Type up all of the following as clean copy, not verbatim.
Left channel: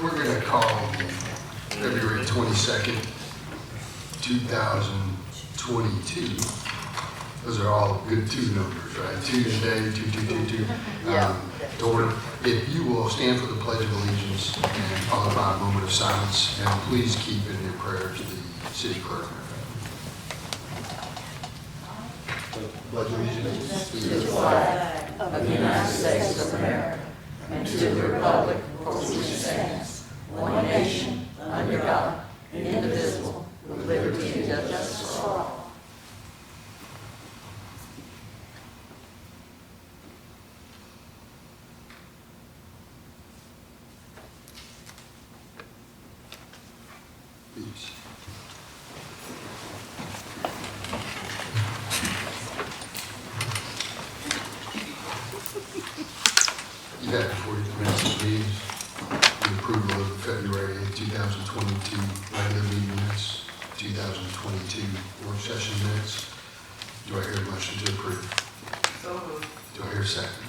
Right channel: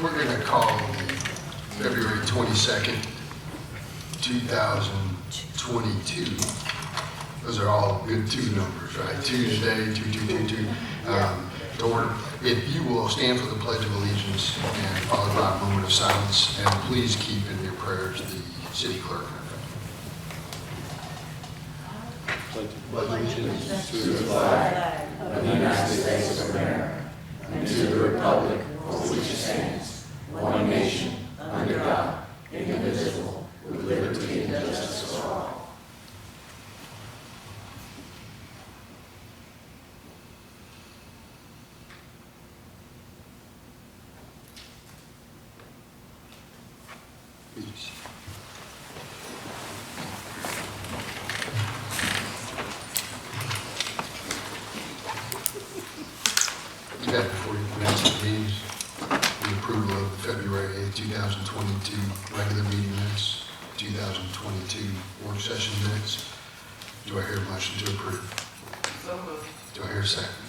We're going to call February 22nd, 2022. Those are all good two numbers, right? Two today, two. Lord, if you will stand for the Pledge of Allegiance and follow by a moment of silence, and please keep in your prayers the city clerk. Pledge allegiance to the flag of the United States of America and to the republic for which it stands, one nation, under God, indivisible, with liberty and justice for all. Please. You have before the minutes of meetings, the approval of February 8, 2022 regular meeting minutes, 2022 work session minutes. Do I hear a motion to approve? So moved. Do I hear a second?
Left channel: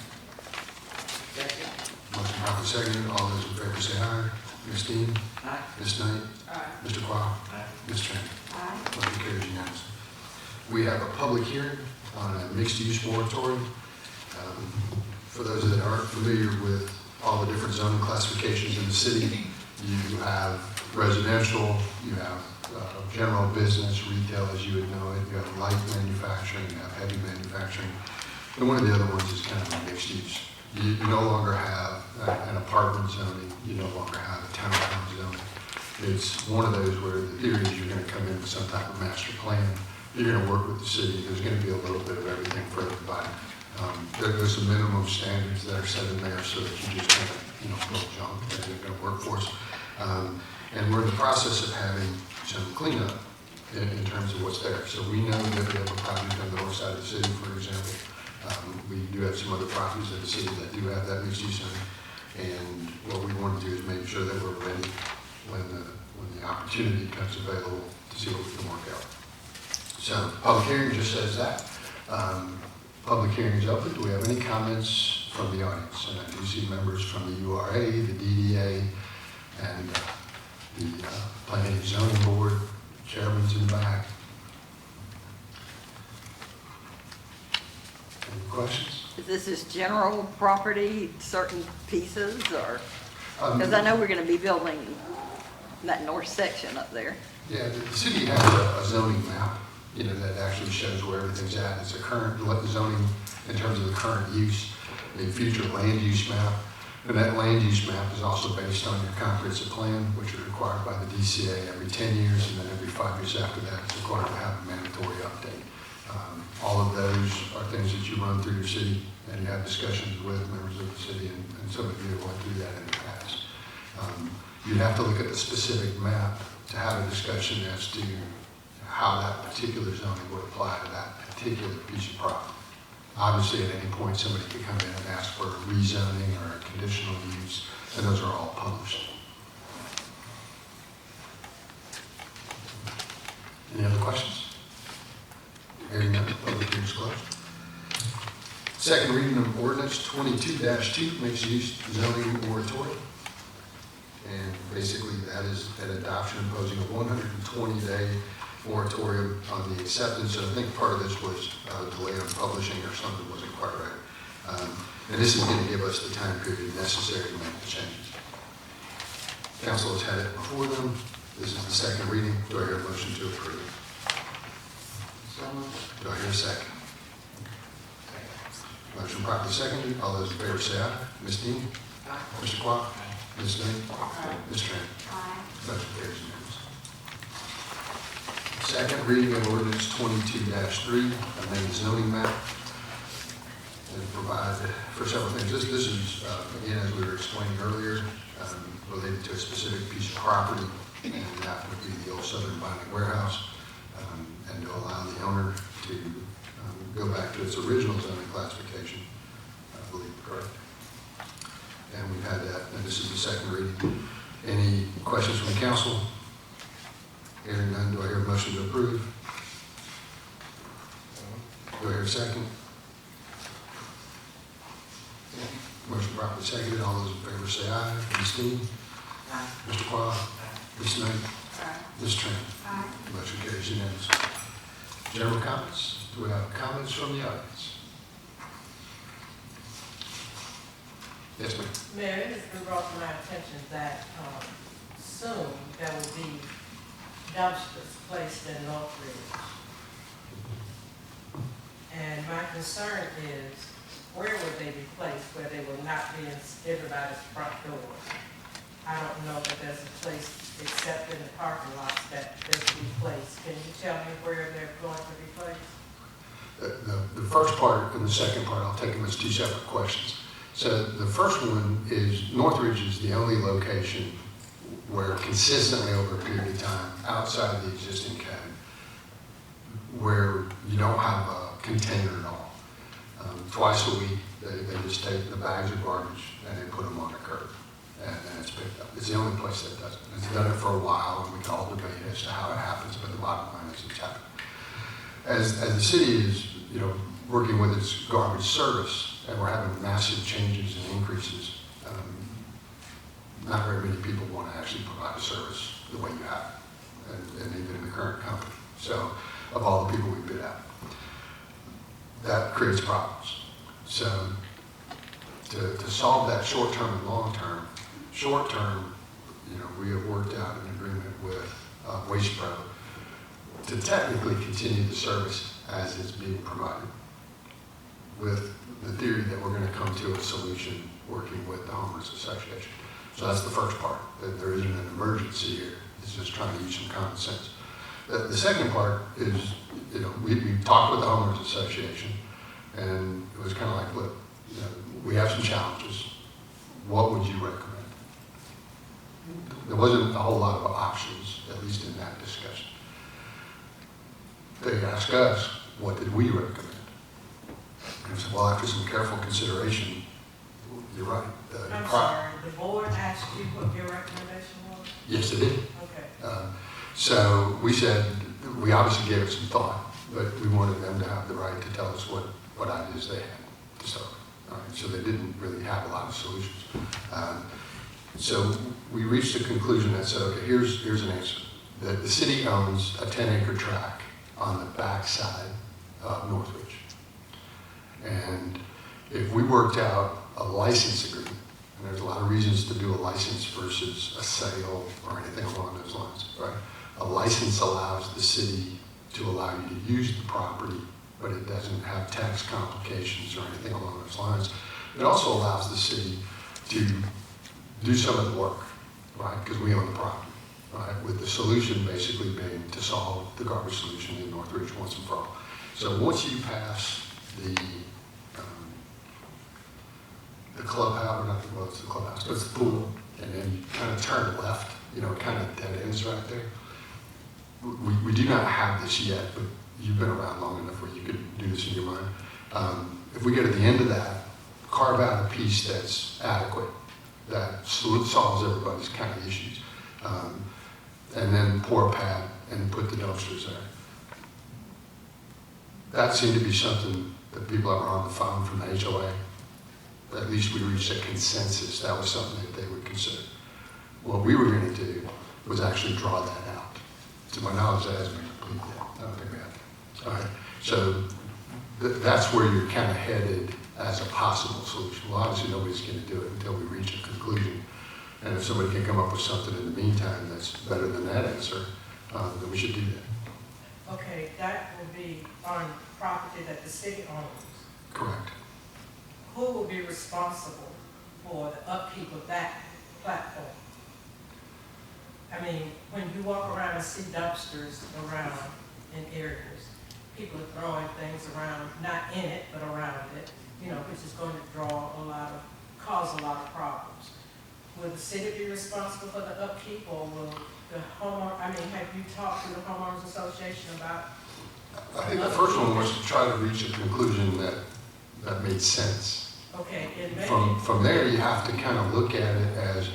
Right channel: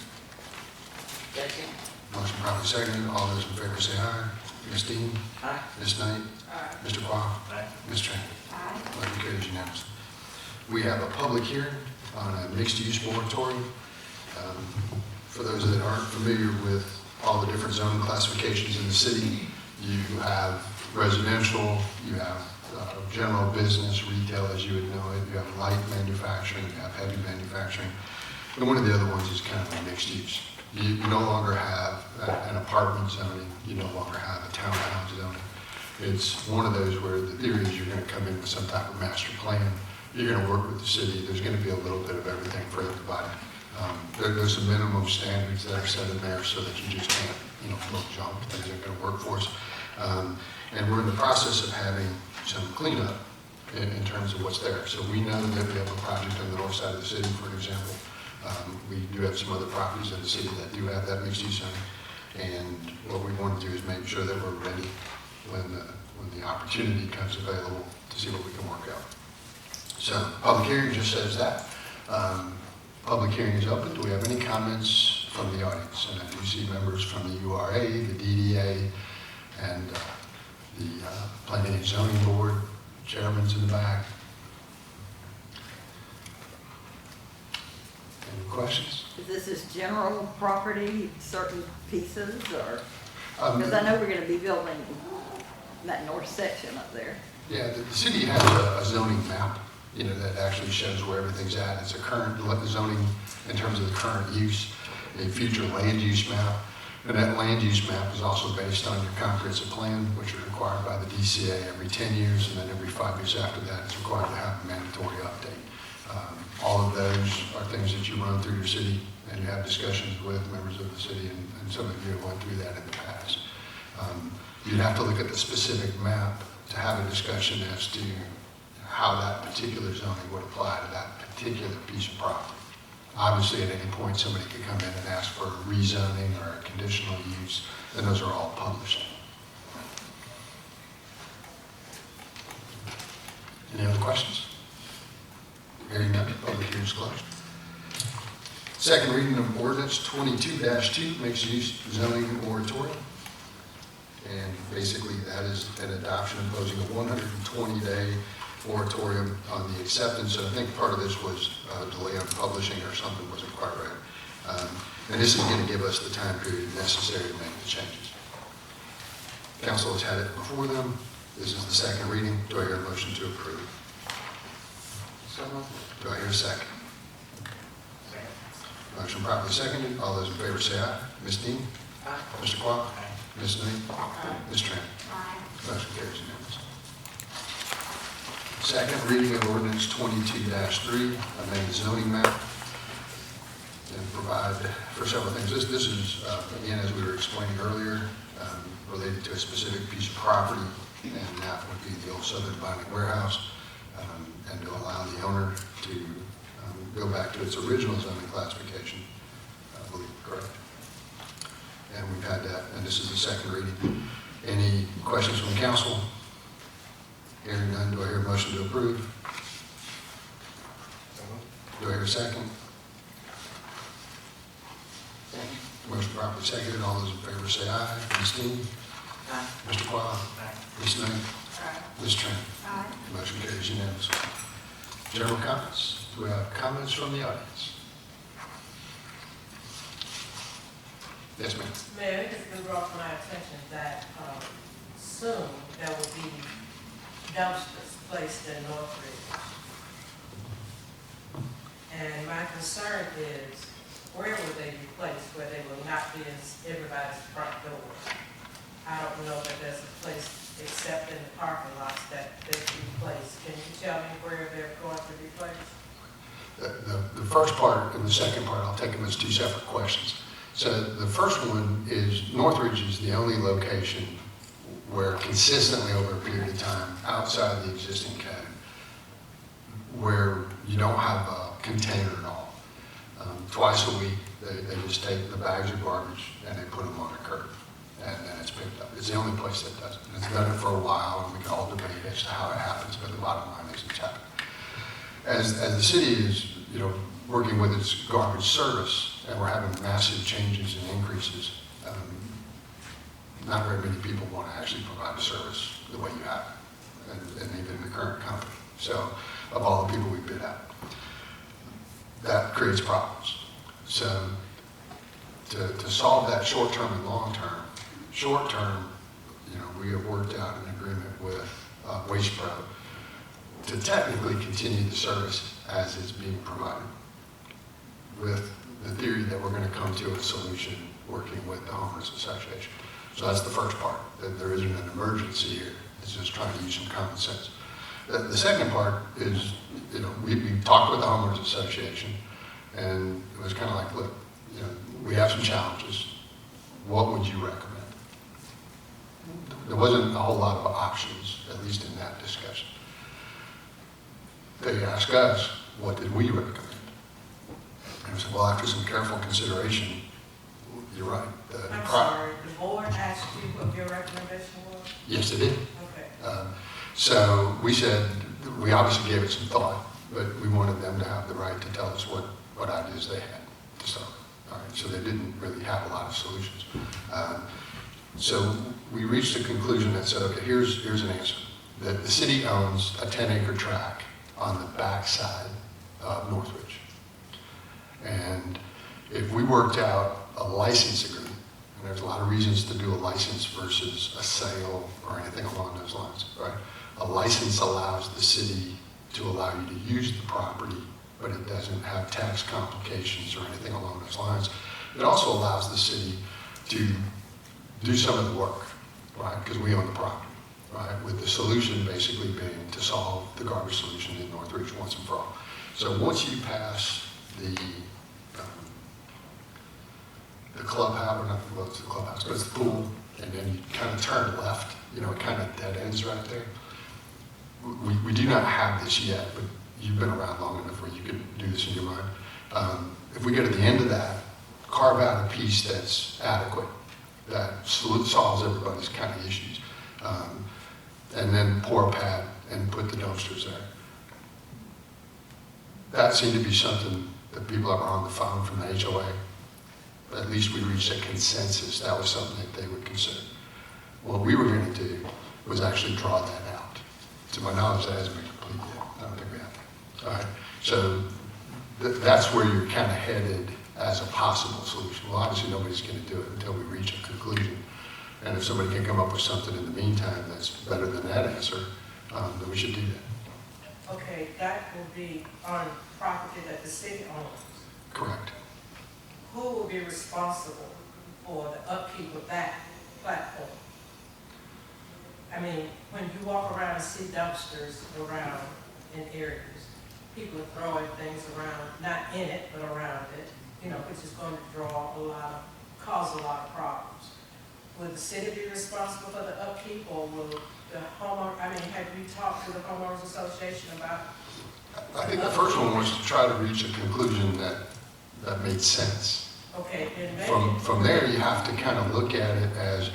Second. Motion properly seconded. All those in favor say aye. Ms. Dean? Aye. Ms. Knight? Aye. Mr. Baugh? Aye. Ms. Tran? Motion carries unanimously. We have a public hearing on a mixed-use moratorium. For those that aren't familiar with all the different zone classifications in the city, you have residential, you have general business, retail, as you would know, you have light manufacturing, you have heavy manufacturing. But one of the other ones is kind of a mixed use. You no longer have an apartment zone, you no longer have a townhouse zone. It's one of those where the theory is you're going to come in with some type of master plan. You're going to work with the city. There's going to be a little bit of everything for everybody. There's some minimum standards that are set in there so that you just can't, focus on as a workforce. And we're in the process of having some cleanup in terms of what's there. So we know that we have a project on the north side of the city, for example. We do have some other properties in the city that do have that mixed use zone. And what we want to do is make sure that we're ready when the opportunity becomes available to see what we can work out. So public hearing just says that. Public hearing is open. Do we have any comments from the audience? We see members from the URA, the DDA, and the Planning and Zoning Board. Chairman's in the back. Any questions? This is general property, certain pieces, or, because I know we're gonna be building that north section up there. Yeah, the city has a zoning map, that actually shows where everything's at. It's a current zoning in terms of the current use, a future land use map. And that land use map is also based on the comprehensive plan, which is required by the DCA every 10 years, and then every 5 years after that, it's required to have a mandatory update. All of those are things that you run through the city, and you have discussions with members of the city, and some of you have gone through that in the past. You'd have to look at the specific map to have a discussion as to how that particular zoning would apply to that particular piece of property. Obviously, at any point, somebody could come in and ask for rezoning or a conditional use, and those are all published. Any other questions? Hearing none, public hearing is closed. Second reading of ordinance 22-2, mixed use zoning moratorium. And basically, that is an adoption imposing a 120-day moratorium on the acceptance. I think part of this was delay in publishing or something wasn't quite right. And this is going to give us the time period necessary to make the changes. Council has had it before them. This is the second reading. Do I hear a motion to approve? So moved. Do I hear a second? Second. Motion properly seconded. All those in favor say aye. Ms. Dean? Aye. Mr. Clark? Aye. Ms. Lynn? Aye. Ms. Tran? Motion carries unanimously. Second reading of ordinance 22-3, amend zoning map. And provide for several things. This is, again, as we were explaining earlier, related to a specific piece of property, and that would be the old Southern Binding Warehouse, and to allow the owner to go back to its original zoning classification, I believe, correct? And we've had that, and this is the second reading. Any questions from the council? Hearing none, do I hear a motion to approve? Do I hear a second? Second. Motion properly seconded. All those in favor say aye. Ms. Dean? Aye. Mr. Parr? Ms. Knight? Ms. Turner? Motion carries unanimously. General comments. We have comments from the audience. Yes, ma'am. Mayor, it has been brought to my attention that soon there will be dumpsters placed in Northridge. And my concern is, where would they be placed where they will not be in everybody's front door? I don't know that there's a place except in the parking lots that they can be placed. Can you tell me where they're going to be placed? The first part and the second part, I'll take them as two separate questions. So the first one is Northridge is the only location where consistently over a period of time, outside the existing code, where you don't have a container at all. Twice a week, they just take the bags of garbage and they put them on the curb, and it's picked up. It's the only place that does it. It's done it for a while, and we've all debated as to how it happens, but the bottom line is it's happening. As the city is, working with its garbage service, and we're having massive changes and increases, not very many people want to actually provide a service the way you have, and even in the current company. So, of all the people we do that creates problems. So, to solve that short-term and long-term, short-term, we have worked out an agreement with Waste Pro to technically continue the service as it's being provided, with the theory that we're going to come to a solution working with the Homeowners Association. So that's the first part. There isn't an emergency here. It's just trying to use some common sense. The second part is, we talked with the Homeowners Association, and it was kind of like, look, we have some challenges. What would you recommend? There wasn't a whole lot of options, at least in that discussion. They asked us, what did we recommend? And so, well, after some careful consideration, you're right. I'm sorry, the board asked you what your recommendation was? Yes, they did. Okay. So we said, we obviously gave it some thought, but we wanted them to have the right to tell us what ideas they had. So they didn't really have a lot of solutions. So we reached a conclusion that, so here's an answer. That the city owns a 10-acre tract on the backside of Northridge. And if we worked out a license agreement, and there's a lot of reasons to do a license versus a sale or anything along those lines, right? A license allows the city to allow you to use the property, but it doesn't have tax complications or anything along those lines. It also allows the city to do some of the work, right? Because we own the property, right? With the solution basically being to solve the garbage solution in Northridge once and for all. So once you pass the clubhouse, not the clubhouse, but it's the pool, and then you kind of turn left, kind of dead ends right there. We do not have this yet, but you've been around long enough where you could do this in your mind. If we go to the end of that, carve out a piece that's adequate, that solves everybody's kind of issues, and then pour a pad and put the dumpsters there. That seemed to be something that people are on the phone from the HOA. At least we reached a consensus that was something that they would consider. What we were going to do was actually draw that out. To my knowledge, that hasn't been completed. I don't think we have. Right? So that's where you're kind of headed as a possible solution. Well, obviously nobody's going to do it until we reach a conclusion. And if somebody can come up with something in the meantime that's better than that answer, then we should do that. Okay, that will be on property that the city owns. Correct. Who will be responsible for the upkeep of that platform? I mean, when you walk around and see dumpsters around in areas, people are throwing things around, not in it, but around it, which is going to cause a lot of problems. Will the city be responsible for the upkeep, or will the homeowner, have you talked to the Homeowners Association about? I think the first one was to try to reach a conclusion that made sense. Okay, and From there, you have to kind of look at it as,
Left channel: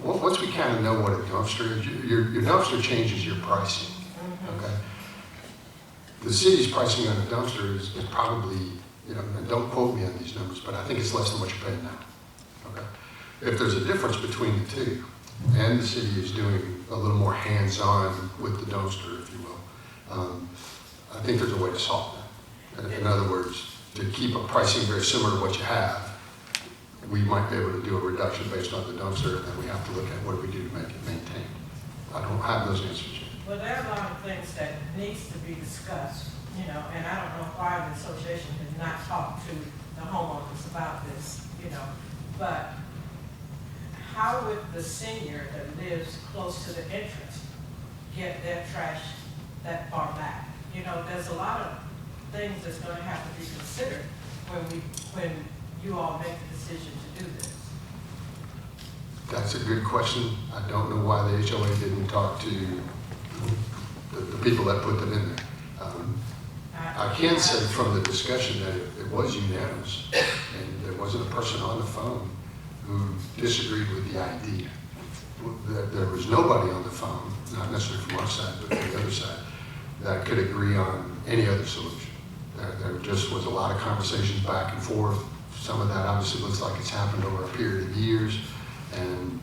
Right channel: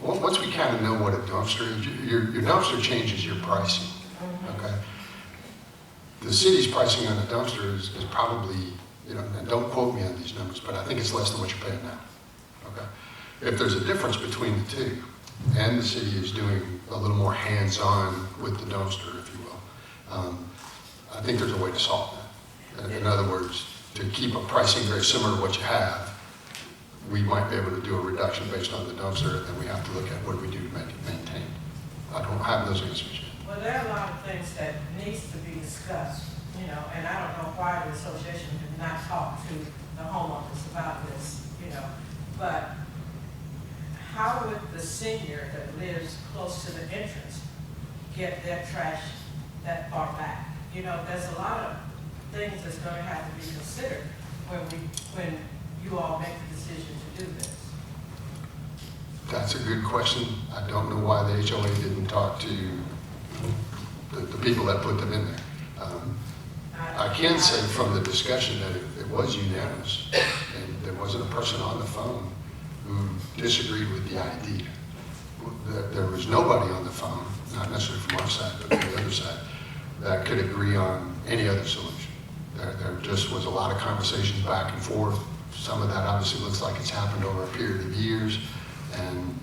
well, once we kind of know what a dumpster is, your dumpster changes your pricing. Okay? The city's pricing on a dumpster is probably, and don't quote me on these numbers, but I think it's less than what you're paying now. Okay? if there's a difference between the two, and the city is doing a little more hands-on with the dumpster, if you will, I think there's a way to solve that. In other words, to keep a pricing very similar to what you have, we might be able to do a reduction based on the dumpster, and then we have to look at what we do to make it maintained. I don't have those answers. Well, there are a lot of things that needs to be discussed, you know, and I don't know why the association has not talked to the homeowners about this, you know, but how would the senior that lives close to the entrance get their trash that far back? You know, there's a lot of things that's gonna have to be considered when you all make the decision to do this. That's a good question. I don't know why the HOA didn't talk to the people that put them in there. I can say from the discussion that it was unanimous, and there wasn't a person on the phone who disagreed with the idea. There was nobody on the phone, not necessarily from our side, but from the other side, that could agree on any other solution. There just was a lot of conversations back and forth. Some of that obviously looks like it's happened over a period of years, and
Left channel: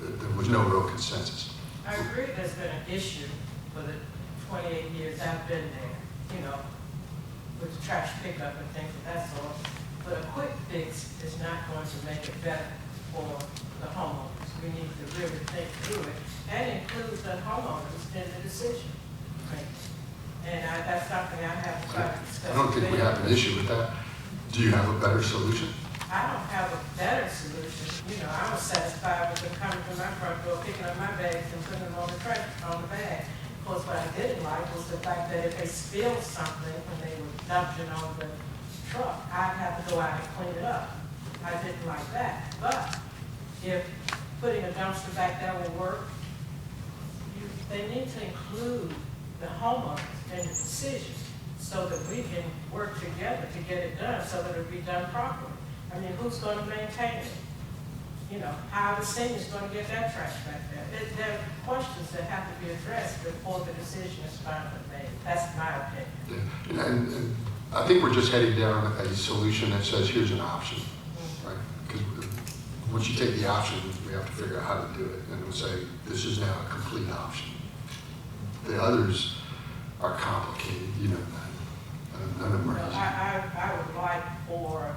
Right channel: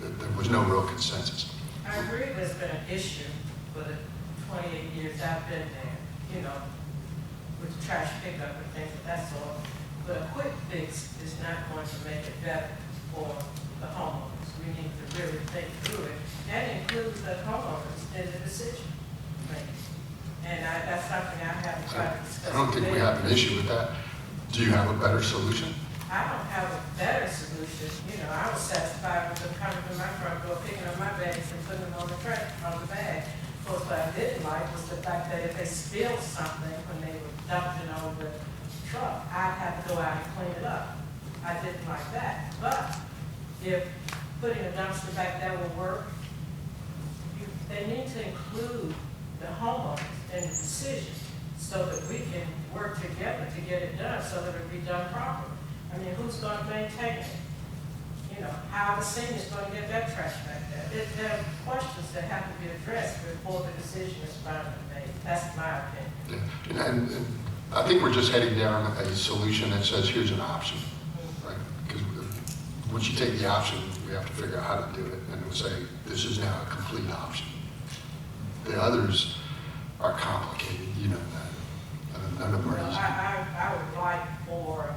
there was no real consensus. I agree there's been an issue for the 28 years I've been there, you know, with the trash pickup and things of that sort. But a quick fix is not going to make it better for the homeowners. We need to really think through it and include the homeowners in the decision making. And that's something I have to try to discuss. I don't think we have an issue with that. Do you have a better solution? I don't have a better solution. You know, I was satisfied with them coming to my front door, picking up my bags and putting them on the trash, on the bag. Of course, what I didn't like was the fact that if they steal something when they were dumping on the truck, I'd have to go out and clean it up. I didn't like that. But if putting a dumpster back there will work, they need to include the homeowners in the decision so that we can work together to get it done, so that it'll be done properly. I mean, who's going to maintain it? You know, how are the seniors going to get their trash back there? There are questions that have to be addressed before the decision is finally made. That's my opinion. Yeah. And I think we're just heading down a solution that says, here's an option. Right? Because once you take the option, you have to figure out how to do it, and we'll say, this is now a complete option. The others are complicated, you know that. I would like for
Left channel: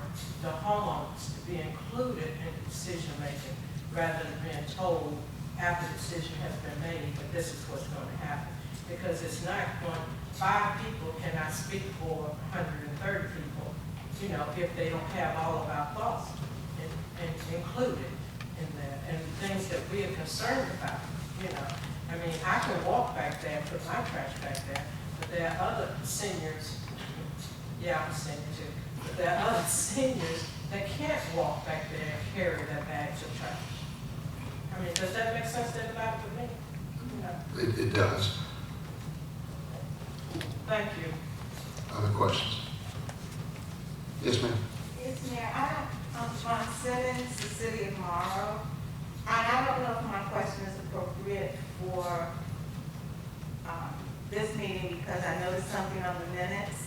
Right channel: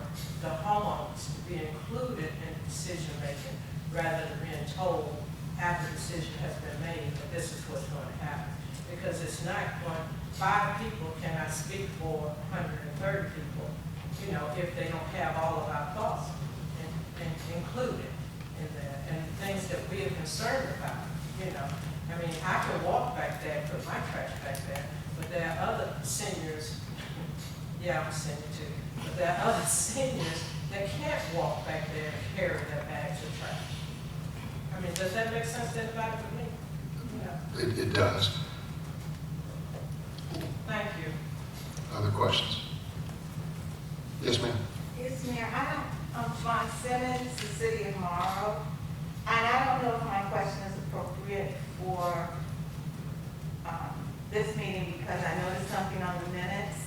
the homeowners to be included in decision making rather than being told after the decision has been made that this is what's going to happen. Because it's not going, 5 people cannot speak for 130 people, you know, if they don't have all of our thoughts included in there and things that we are concerned about, you know. I mean, I can walk back there and put my trash back there, but there are other seniors, yeah, I'm a senior too, but there are other seniors that can't walk back there and carry their bags of trash. I mean, does that make sense to anybody but me? No. It does. Thank you. Other questions? Yes, ma'am. Yes, Mayor, I'm Sean Simmons, the city of Morrow, and I don't know if my question is appropriate for this meeting because I noticed something on the minutes.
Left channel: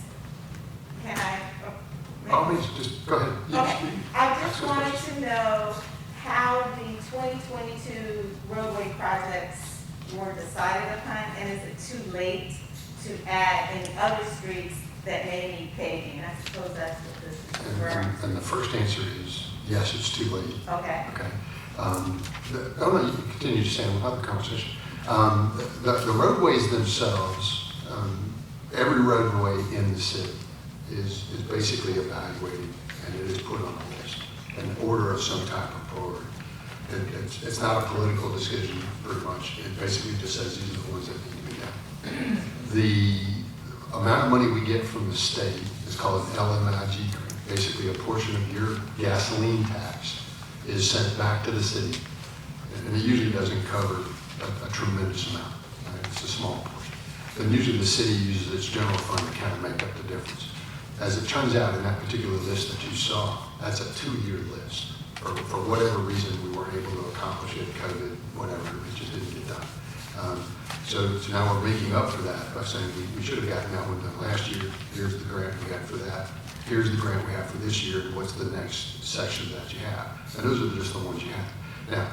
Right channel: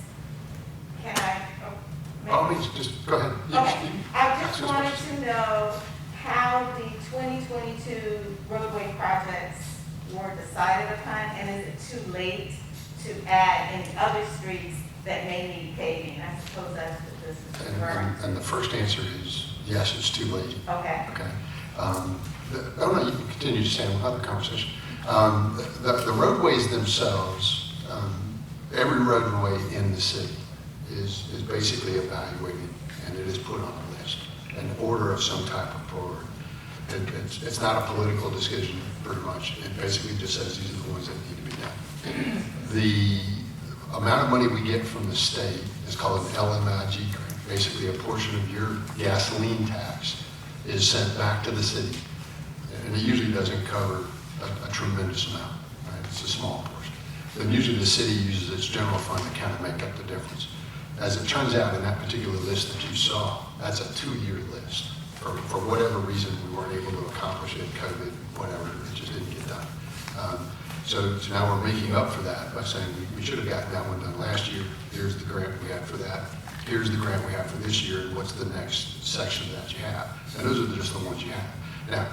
Can I? Always, just go ahead. Okay, I just wanted to know how the 2022 roadway projects were decided upon, and is it too late to add any other streets that may need paving? I suppose that's what this is referring to. And the first answer is, yes, it's too late. Okay. Okay. Oh, no, you can continue to stay on the conversation. The roadways themselves, every roadway in the city is basically evaluated, and it is put on a list, in order of some kind of order. It's not a political decision, pretty much. It basically just says these are the ones that need to be done. The amount of money we get from the state is called an LMIG. Basically, a portion of your gasoline tax is sent back to the city. And it usually doesn't cover a tremendous amount. It's a small portion. But usually the city uses its general fund to kind of make up the difference. As it turns out, in that particular list that you saw, that's a 2-year list. For whatever reason, we weren't able to accomplish it, COVID, whatever, it just didn't get done. So now we're making up for that by saying we should have gotten that one done last year. Here's the grant we got for that. here's the grant we have for this year, and what's the next section that you have? And those are just the ones you have. Now,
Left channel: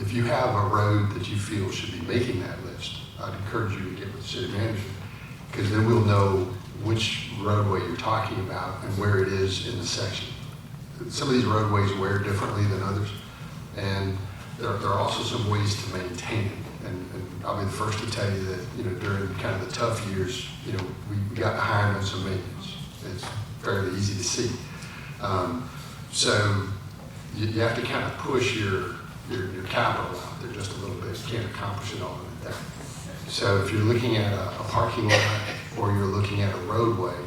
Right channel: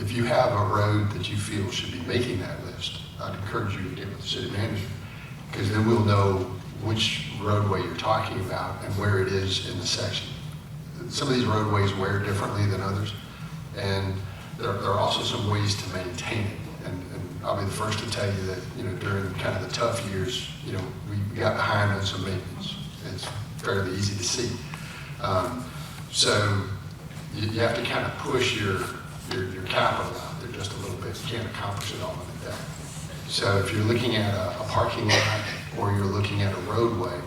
if you have a road that you feel should be making that list, I encourage you to get with the city manager, because then we'll know which roadway you're talking about and where it is in the section. Some of these roadways wear differently than others, and there are also some ways to maintain it. And I'll be the first to tell you that, during kind of the tough years, we got behind on some maintenance. It's fairly easy to see. So you have to kind of push your capital out there just a little bit. You can't accomplish it all like that. So if you're looking at a parking lot or you're looking at a roadway,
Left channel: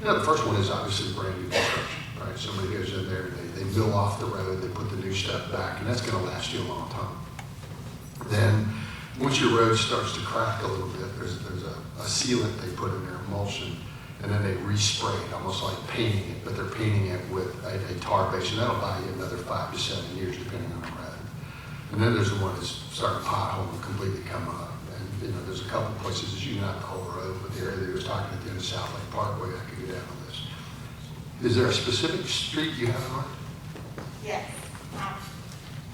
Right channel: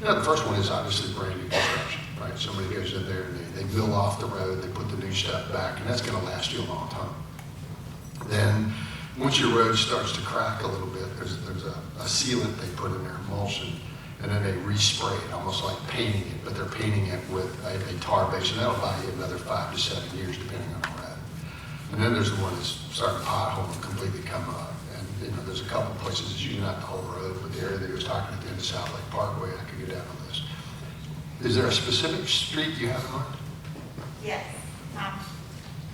the first one is obviously brand new construction, right? Somebody goes in there, they build off the road, they put the new stuff back, and that's going to last you a long time. Then, once your road starts to crack a little bit, there's a sealant they put in there, emulsion, and then they respray it, almost like painting it, but they're painting it with a tar base, and that'll buy you another 5 to 7 years, depending on that. And then there's the one that's starting to pothole and completely come up. And there's a couple of places that you not the whole road, but the area that was talking about in the South Lake Parkway, I could go down on this. Is there a specific street you have on? Yes,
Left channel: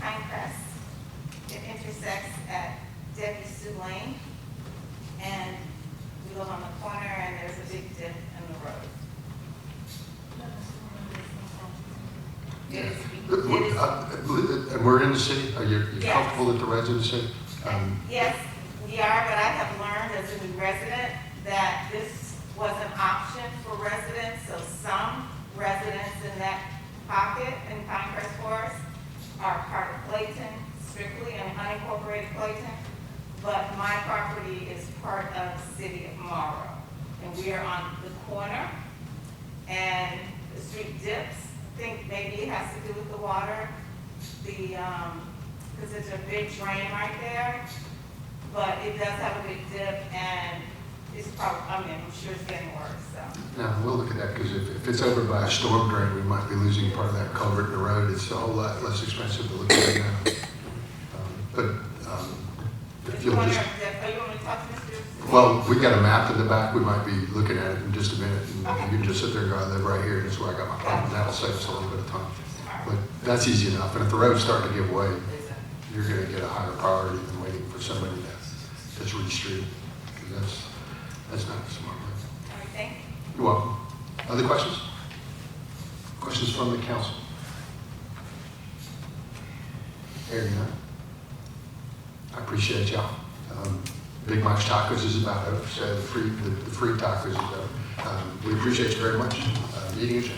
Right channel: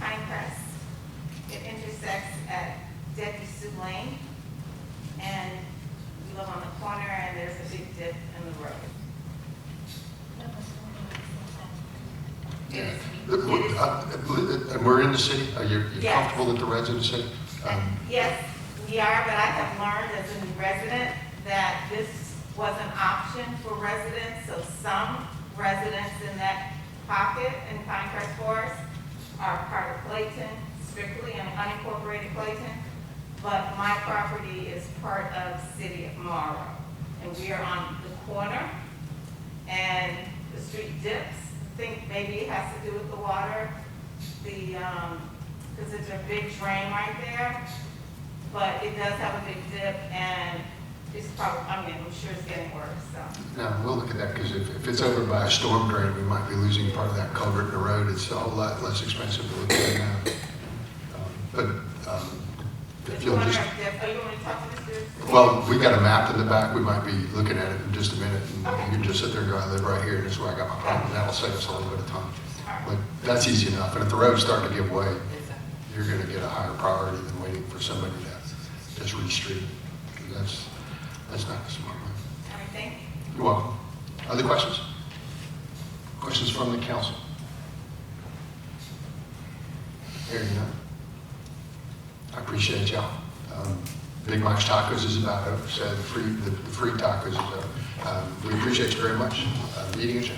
Pinecrest. It intersects at Debbie Sue Lane, and we live on the corner, and there's a big dip in the road. It is. And we're in the city. Are you Yes. comfortable with the roads in the city? Yes, we are, but I have learned as a new resident that this was an option for residents, so some residents in that pocket in Pinecrest Forest are part of Clayton, strictly an unincorporated Clayton, but my property is part of the city of Morrow. And we are on the corner, and the street dips. I think maybe it has to do with the water, because there's a big drain right there, but it does have a big dip, and it's probably, I'm sure it's getting worse, so. Yeah, we'll look at that, because if it's over by a storm drain, we might be losing part of that culvert in the road. It's a whole lot less expensive to look at now. The If you'll corner just, of dip, are you going to talk to Mr.? well, we got a map in the back. We might be looking at it in just a minute. And Okay. you can just sit there and go, I live right here, and it's where that'll save us a little bit of time. But that's easy enough. But if the road's starting to give way, you're going to get a higher priority than waiting for somebody to just retreat. That's not smart. All right, thank you. You're welcome. Other questions? Questions from the council? Hearing none. I appreciate y'all. Big Mike's Tacos is about over, so the fruit tacos is over. We appreciate you very much. Meetings.